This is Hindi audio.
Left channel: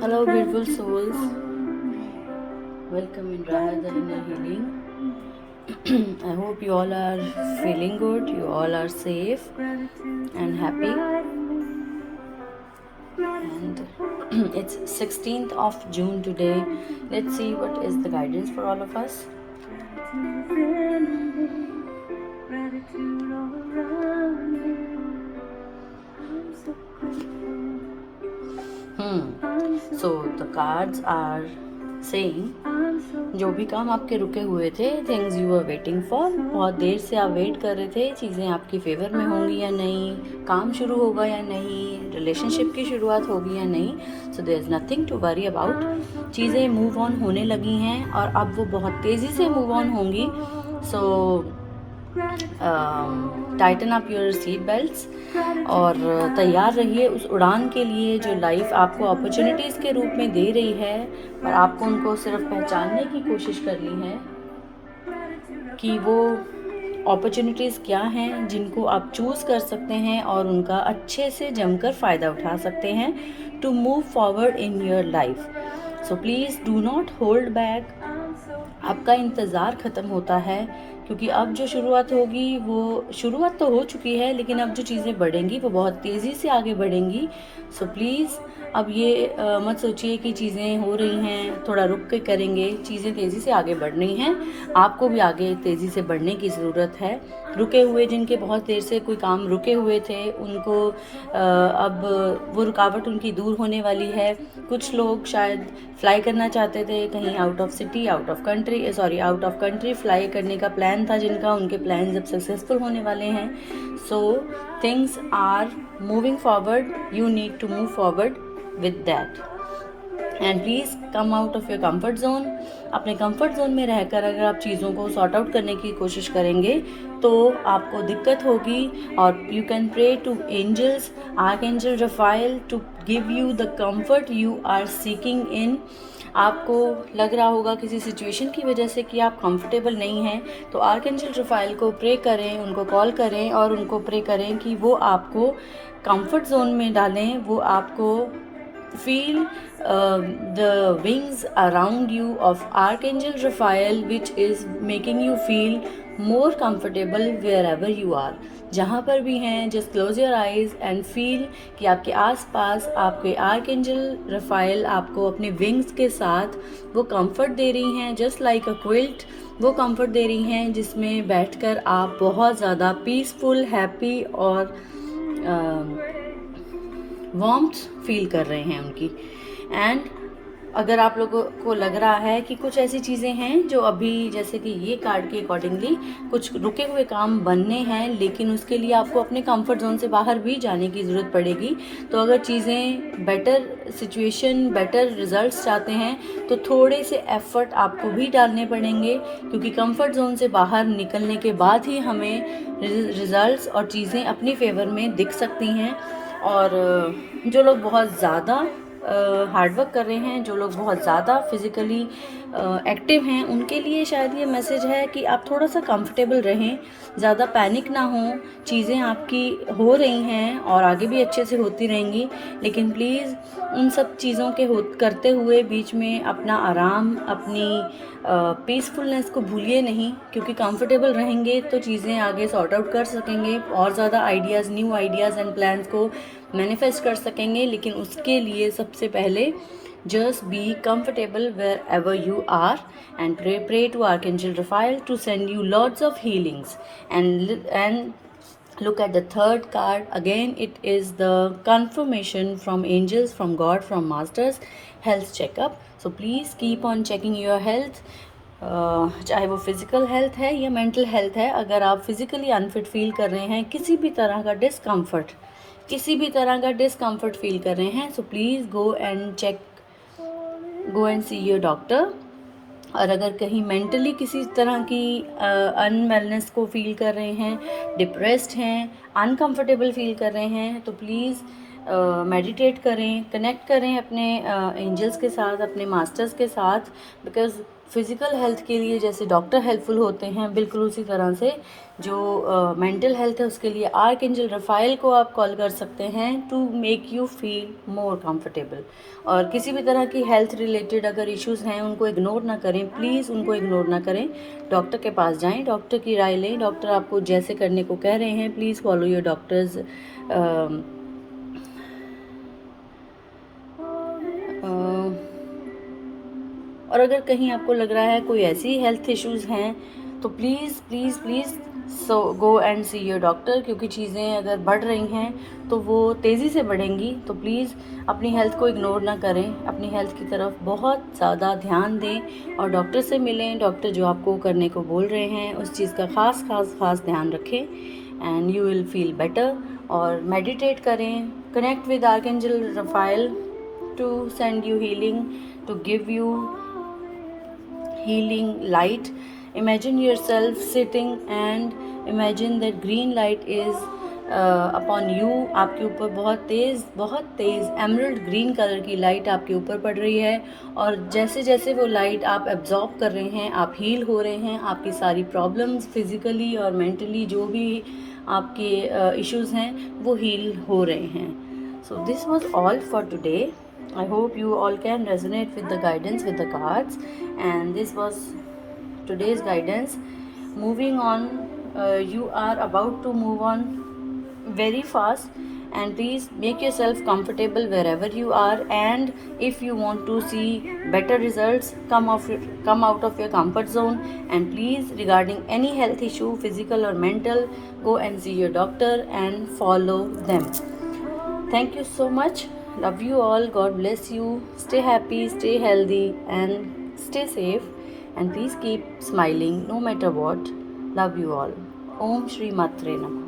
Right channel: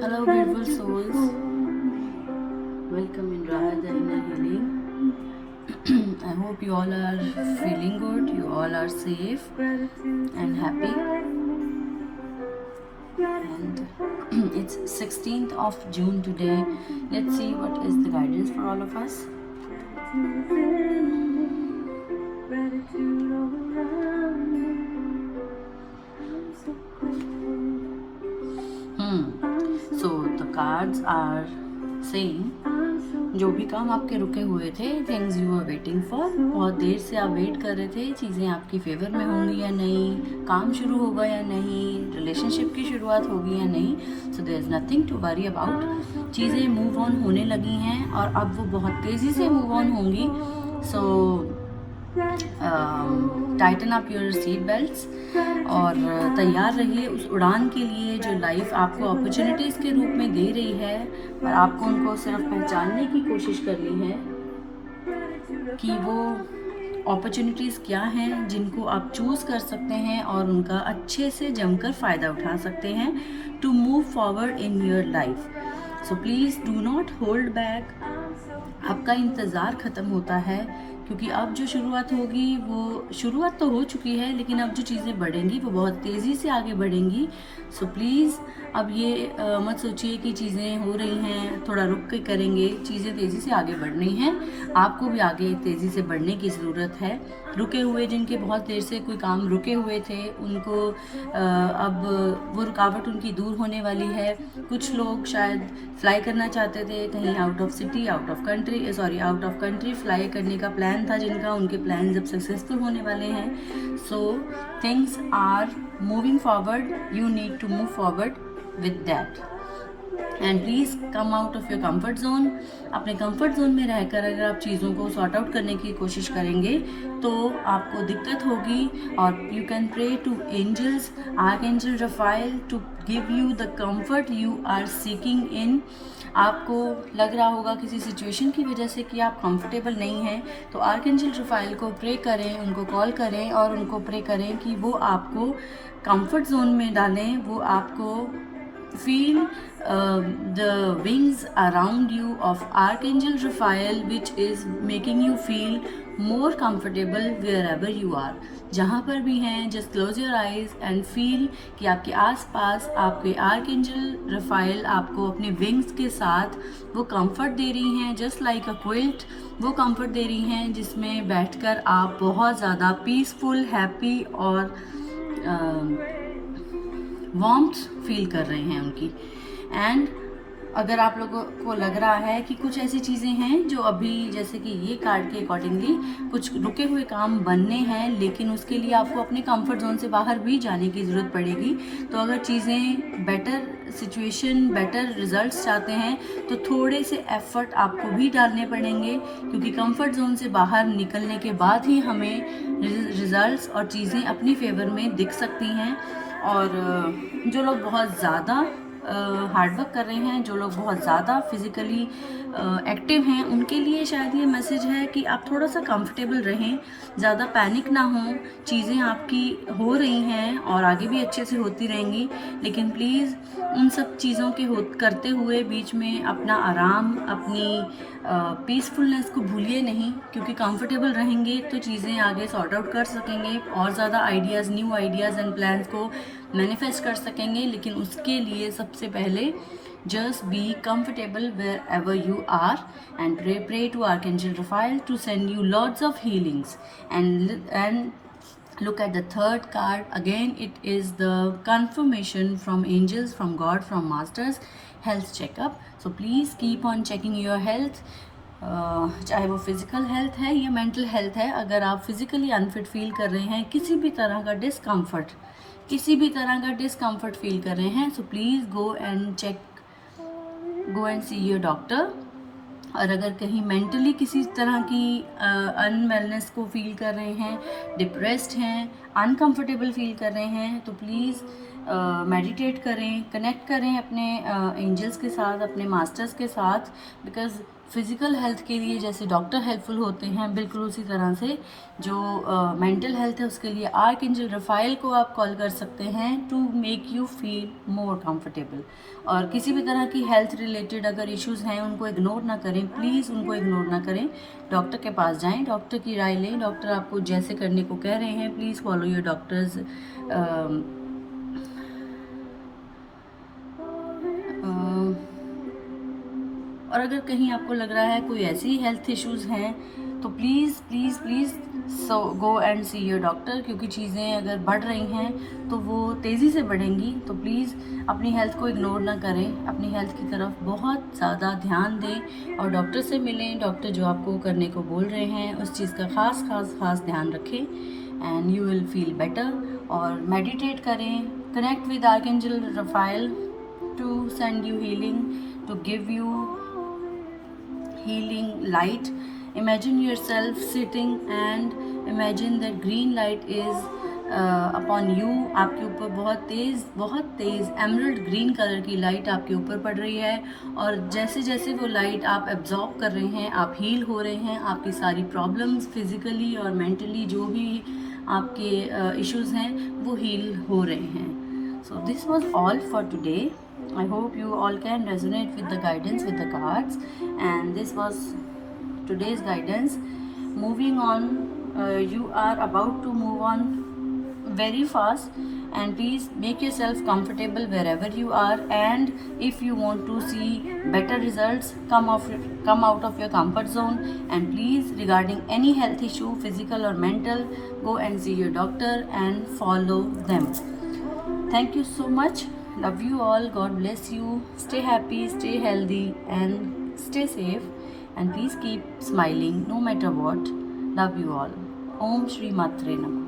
Hello, beautiful souls. Welcome in Raha the Inner Healing. I hope you all are feeling good, you all are safe and happy. And it's 16th of June today. Let's see what is the guidance for all of us. So the cards are saying जो भी काम आपके रुके हुए थे, things you are waiting for, बहुत देर से आप वेट कर रहे थे, चीज़ें आपकी फेवर में होंगी या नहीं, काम शुरू होगा या नहीं, रिलेशनशिप की शुरुआत होगी या नहीं, so there is nothing to worry about. चीज़ें मूव ऑन होने लगी हैं और अब वो बहुत तेज़ी से मूव ऑन होंगी। So tighten up your seat belts और तैयार रहिए उस उड़ान के लिए जो लाइफ आपको अपॉर्चुनिटीज़ के रूप में दे रही है, पर आपको उनको सिर्फ पहचानने की कोशिश करनी है कि वो अपॉर्चुनिटीज़ क्या हैं जिनको आप चूज़ कर सकते हैं और उनका अच्छे से जमकर फ़ायदा उठा सकते हैं to move forward in your life. So please do not hold back. आपका इंतज़ार ख़त्म होता है क्योंकि अब जो शुरुआत होगी वो शुरुआत तो हो चुकी है, लेकिन अब जो चीज़ें बढ़ेंगी वो बहुत तेज़ी से आगे बढ़ेंगी। सो प्लीज़ अब ये मत सोचिए कि चीज़ें हो रही हैं थोड़ा रुक के करेंगे, चीज़ें तेज़ी से आगे बढ़ रही हैं, आपको भी आगे तेज़ी से बढ़ने की ज़रूरत है। रुके हुए जिनके बहुत देर से कोई काम रुके हुए थे उनको अब वो रुकावट उनकी दूर होने वाली है। कुछ लोग शायद फ्लाई करना चाहते थे कहीं out of city, out of country fly करने का प्लान था जिनका, उनके प्लान्स अब सक्सेसफुल होने वाले हैं। So things are moving forward, you need to move forward with that and please come out of your comfort zone. अपने कंफर्ट जोन में रहकर अगर आप चीज़ों को सॉर्ट आउट करने की कोशिश करेंगे तो आपको दिक्कत होगी। और you can pray to angels, archangel Raphael to give you the comfort you are seeking in. आपको लग रहा होगा किसी सिचुएशन की वजह से कि आप कंफर्टेबल नहीं हैं, तो आर्कएंजल रफाइल को प्रे करें, उनको कॉल करें और उनको प्रे करें कि वो आपको कंफर्ट जोन में डालें, वो आपको feel the wings around you of Archangel Raphael, which is making you feel more comfortable wherever you are. जहाँ पर भी हैं, just close your eyes and feel कि आपके आसपास आपके आर्कएंजल रफाइल आपको अपने विंग्स के साथ वो कंफर्ट दे रही हैं, जस्ट लाइक अ क्विल्ट। वो कंफर्ट दे रही हैं जिसमें बैठकर आप बहुत ज़्यादा पीसफुल, हैप्पी और वार्मथ फील कर रहे हैं उनकी। एंड अगर आप लोगों को लग रहा है कि कुछ ऐसी चीज़ें हैं जो अभी, जैसे कि ये कार्ड के अकॉर्डिंगली कुछ रुके हुए काम बनने हैं, लेकिन उसके लिए आपको अपने कंफर्ट जोन से बाहर भी जाने की ज़रूरत पड़ेगी। तो अगर चीज़ें बेटर सिचुएशन, बेटर रिजल्ट्स चाहते हैं तो थोड़े से एफर्ट आपको भी डालने पड़ेंगे, क्योंकि कंफर्ट जोन से बाहर निकलने के बाद ही हमें रिजल्ट्स और चीज़ें अपनी फेवर में दिख सकती हैं। और जो लोग बहुत ज़्यादा हार्डवर्क कर रहे हैं, जो लोग बहुत ज़्यादा फिज़िकली एक्टिव हैं, उनके लिए शायद ये मैसेज है कि आप थोड़ा सा कंफर्टेबल रहें, ज़्यादा पैनिक ना हो। चीज़ें आपकी हो रही हैं और आगे भी अच्छे से होती रहेंगी, लेकिन प्लीज़ उन सब चीज़ों के करते हुए बीच में अपना आराम, अपनी पीसफुलनेस को भूलिए नहीं, क्योंकि कंफर्टेबल रहेंगे तो चीज़ें आगे सॉर्ट आउट कर सकेंगे, और ज़्यादा ideas, new ideas and plans को मैनिफेस्ट कर सकेंगे। लेकिन उसके लिए सबसे पहले just be comfortable wherever you are and pray to Archangel Raphael to send you lots of healings. And look at the third card again. It is the confirmation from angels, from God, from masters, health checkup. So please keep on checking your health, चाहे वो फिज़िकल हेल्थ है या मेंटल हेल्थ है। अगर आप फिज़िकली अनफिट फील कर रहे हैं, किसी भी तरह का डिस्कम्फर्ट फील कर रहे हैं, so please go and see your doctor. और अगर कहीं मेंटली किसी तरह की अनवेलनेस को फील कर रहे हैं, डिप्रेस्ड हैं, अनकंफर्टेबल फील कर रहे हैं, तो प्लीज़ मेडिटेट करें, कनेक्ट करें अपने एंजल्स के साथ, अपने मास्टर्स के साथ, बिकॉज फिज़िकल हेल्थ के लिए जैसे डॉक्टर हेल्पफुल होते हैं, बिल्कुल उसी तरह से जो मेंटल हेल्थ है उसके लिए आर्कएंजल रफ़ाइल को आप कॉल कर सकते हैं to make you feel more comfortable. और किसी भी तरह की हेल्थ रिलेटेड अगर इश्यूज़ हैं उनको इग्नोर ना करें, प्लीज़ उनको इग्नोर ना करें। डॉक्टर के पास जाएं, डॉक्टर की राय लें। डॉक्टर आपको जैसे करने को कह रहे हैं, प्लीज़ फॉलो योर डॉक्टर्स और अगर कहीं आपको लग रहा है कोई ऐसी हेल्थ इश्यूज़ हैं तो please please please so go and see your doctor, क्योंकि चीज़ें अगर बढ़ रही हैं तो वो तेज़ी से बढ़ेंगी। तो प्लीज़ अपनी हेल्थ को इग्नोर ना करें, अपनी हेल्थ की तरफ बहुत ज़्यादा ध्यान दें और डॉक्टर से मिलें। डॉक्टर जो आपको करने को बोल रहे हैं उस चीज़ का ख़ास ध्यान रखें and you will feel better. और मेडिटेट करें, connect with archangel Raphael to send you healing, to give you healing light. Imagine yourself sitting and imagine that green light is upon you. आपके ऊपर बहुत तेज़ एमरल्ड ग्रीन कलर की लाइट आपके ऊपर पड़ रही है और जैसे जैसे वो लाइट आप एब्जॉर्ब कर रहे हैं आप हील हो रहे हैं। आपकी सारी प्रॉब्लम्स फिज़िकली और मेंटली जो भी आपके इश्यूज़ हैं वो हील हो रहे हैं। So this was all for today. I hope you all can resonate with the guidance with the cards, and this was today's guidance. Moving on, you are about to move on very fast, and please make yourself comfortable wherever you are. And if you want to see better results, come out of your comfort zone, and please, regarding any health issue, physical or mental, go and see your doctor and follow them. Thank you so much. Love you all. God bless you. Stay happy, stay healthy, and stay safe. And please keep smiling no matter what. Love you all. Om Shri Matre Namah.